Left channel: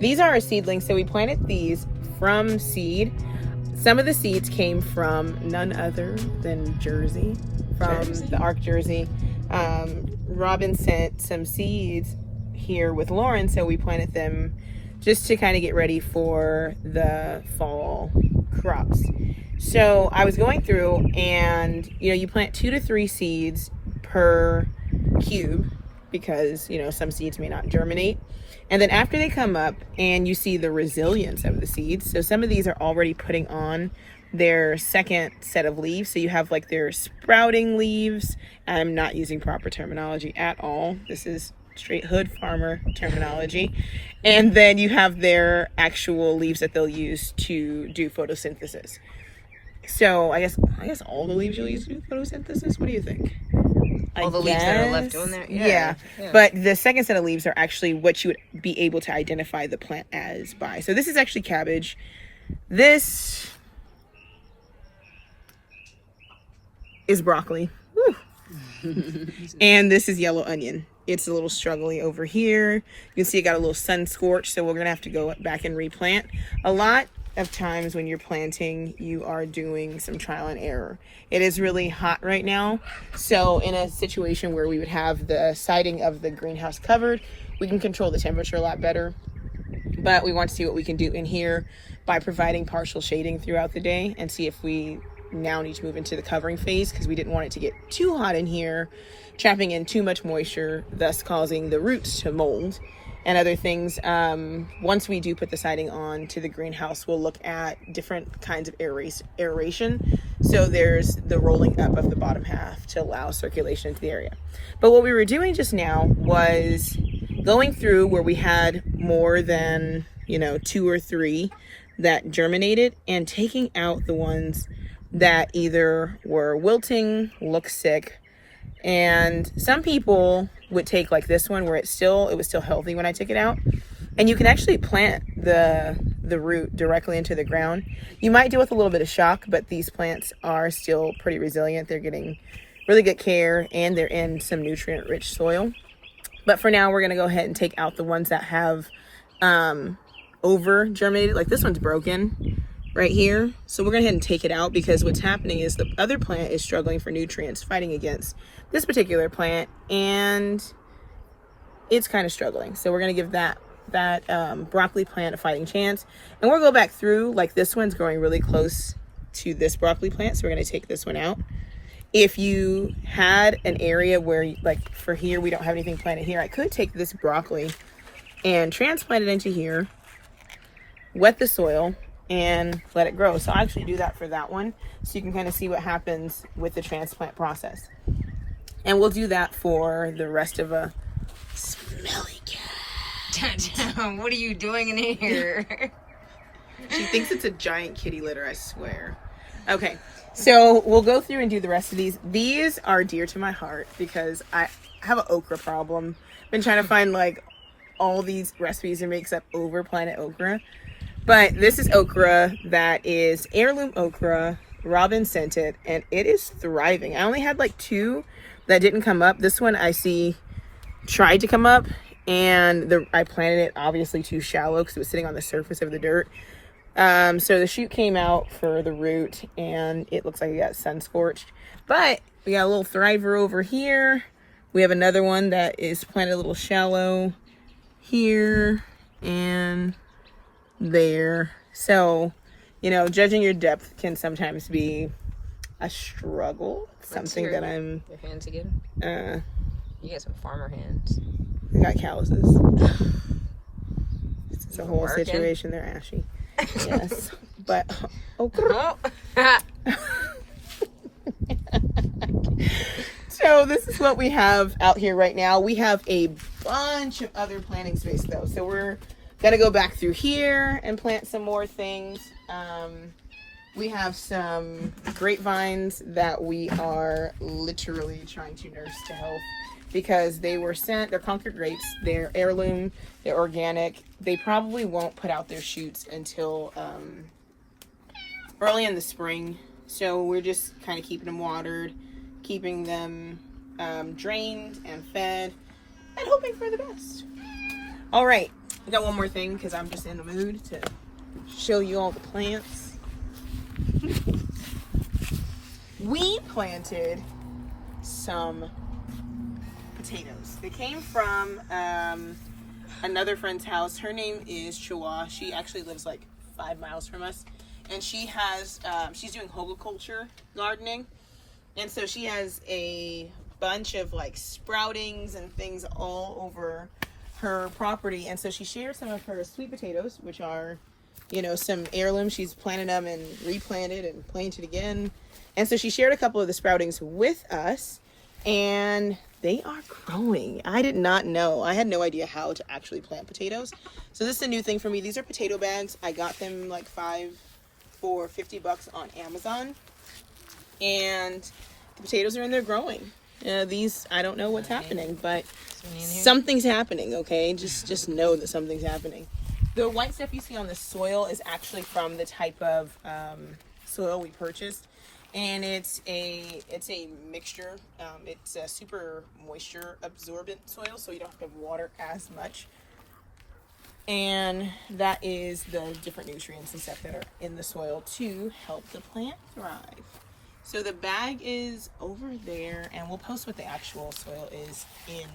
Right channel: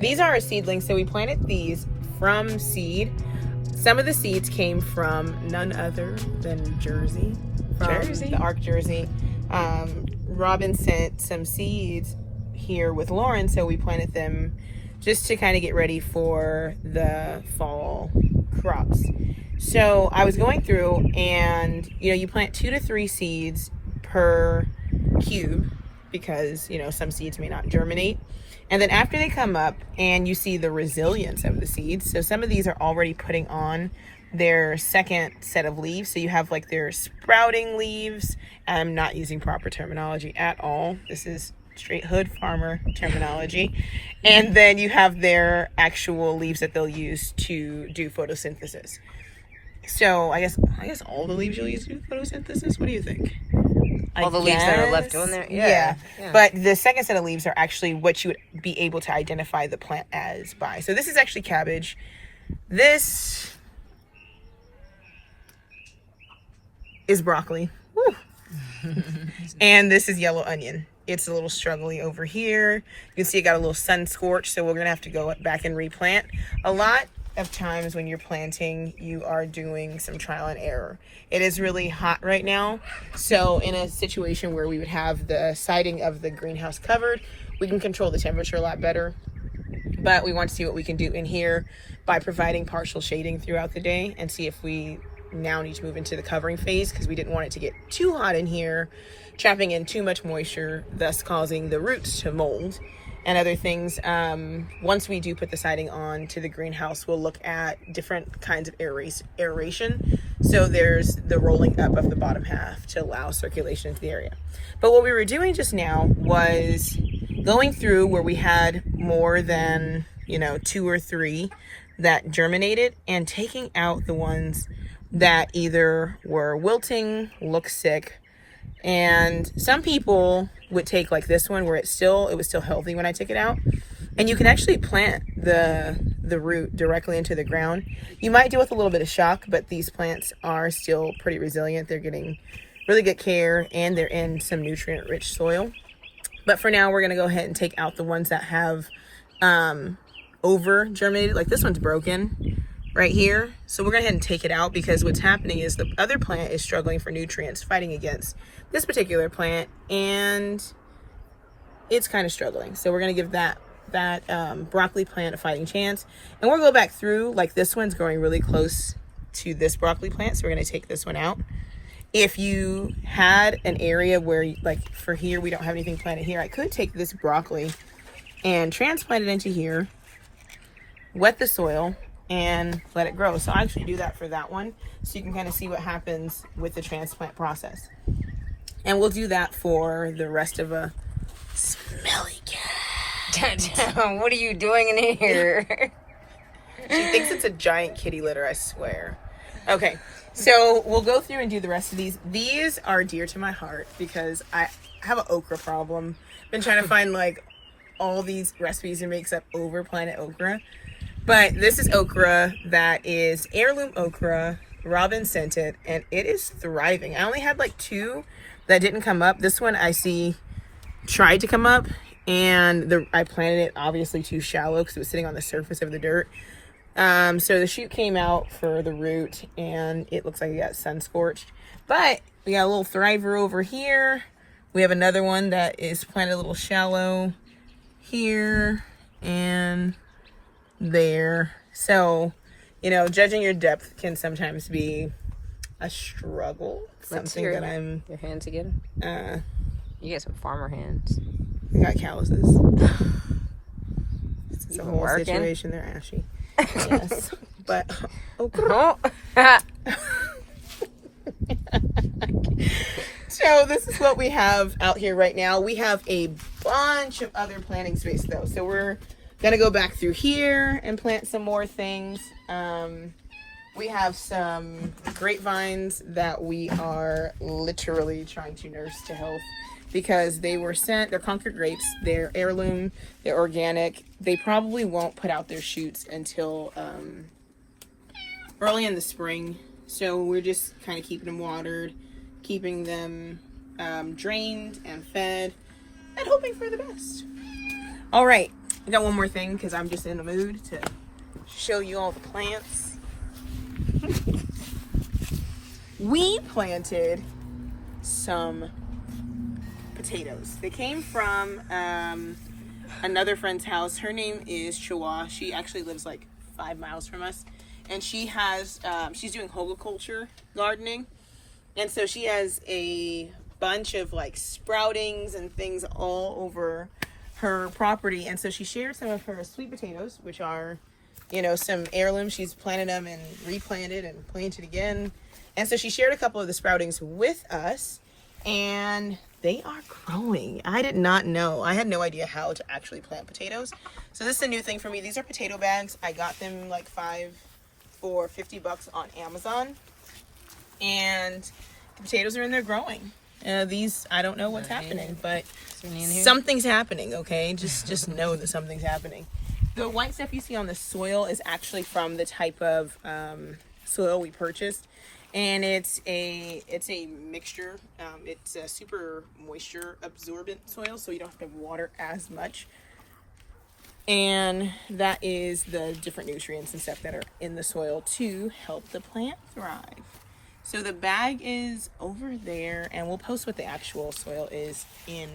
These are our seedlings. So we planted these from seed. Some of the seeds came from none other than Jersey. The Ark Jersey. Robin sent some seeds here with Lauren, so we planted them just to kind of get ready for the fall crops. So I was going through, and you plant 2 to 3 seeds per cube because some seeds may not germinate. And then after they come up and you see the resilience of the seeds, so some of these are already putting on their second set of leaves. So you have like their sprouting leaves. I'm not using proper terminology at all. This is straight hood farmer terminology. And then you have their actual leaves that they'll use to do photosynthesis. So I guess all the leaves you'll use to do photosynthesis. What do you think? All the leaves that are left on there? Yeah. But the second set of leaves are actually what you would be able to identify the plant as by. So this is actually cabbage. This is broccoli. Woo. And this is yellow onion. It's a little struggly over here. You can see it got a little sun scorch, so we're gonna have to go back and replant. A lot of times when you're planting, you are doing some trial and error. It is really hot right now, so in a situation where we would have the siding of the greenhouse covered, we can control the temperature a lot better. But we want to see what we can do in here by providing partial shading throughout the day and see if we now need to move into the covering phase, because we didn't want it to get too hot in here, trapping in too much moisture, thus causing the roots to mold and other things. Once we do put the siding on to the greenhouse, we'll look at different kinds of aeration. So there's the rolling up of the bottom half to allow circulation into the area. But what we were doing just now was going through where we had more than 2 or 3 that germinated and taking out the ones that either were wilting, look sick. And some people would take like this one where it was still healthy when I took it out. And you can actually plant the root directly into the ground. You might deal with a little bit of shock, but these plants are still pretty resilient. They're getting really good care and they're in some nutrient rich soil. But for now, we're gonna go ahead and take out the ones that have over germinated. Like this one's broken right here. So we're gonna go ahead and take it out, because what's happening is the other plant is struggling for nutrients, fighting against this particular plant, and it's kind of struggling. So we're gonna give that broccoli plant a fighting chance, and we'll go back through. Like this one's growing really close to this broccoli plant, so we're gonna take this one out. If you had an area where, like for here, we don't have anything planted here, I could take this broccoli and transplant it into here, wet the soil, and let it grow. So I actually do that for that one, so you can kind of see what happens with the transplant process. And we'll do that for the rest of a smelly cat. What are you doing in here? She thinks it's a giant kitty litter, I swear. Okay, so we'll go through and do the rest of these. These are dear to my heart because I have an okra problem. Been trying to find like all these recipes and makes up over planet okra. But this is okra that is heirloom okra. Robin sent it and it is thriving. I only had like 2 that didn't come up. This one I see tried to come up, and I planted it obviously too shallow because it was sitting on the surface of the dirt. So the shoot came out for the root and it looks like it got sun scorched. But we got a little thriver over here. We have another one that is planted a little shallow here and there. So, judging your depth can sometimes be a struggle. Something that I'm... Your hands again? You got some farmer hands. I got calluses. It's a whole situation there, Ashley. Yes. But, So this is what we have out here right now. We have a bunch of other planting space though. So we're gonna go back through here and plant some more things. We have some grapevines that we are literally trying to nurse to health because they were sent. They're Concord grapes. They're heirloom. They're organic. They probably won't put out their shoots until early in the spring. So we're just kind of keeping them watered, keeping them drained and fed, and hoping for the best. All right. I got one more thing because I'm just in the mood to show you all the plants. We planted some potatoes. They came from another friend's house. Her name is Chihuahua. She actually lives like 5 miles from us, and she has she's doing horticulture gardening, and so she has a bunch of like sproutings and things all over her property. And so she shared some of her sweet potatoes, which are, you know, some heirlooms. She's planted them and replanted and planted again. And so she shared a couple of the sproutings with us, and they are growing. I did not know. I had no idea how to actually plant potatoes. So this is a new thing for me. These are potato bags. I got them like 5 for $50 on Amazon. And the potatoes are in there growing. These, I don't know what's happening, but something's happening, okay? Just know that something's happening. The white stuff you see on the soil is actually from the type of soil we purchased. And it's a mixture. It's a super moisture absorbent soil, so you don't have to water as much. And that is the different nutrients and stuff that are in the soil to help the plant thrive. So the bag is over there, and we'll post what the actual soil is in.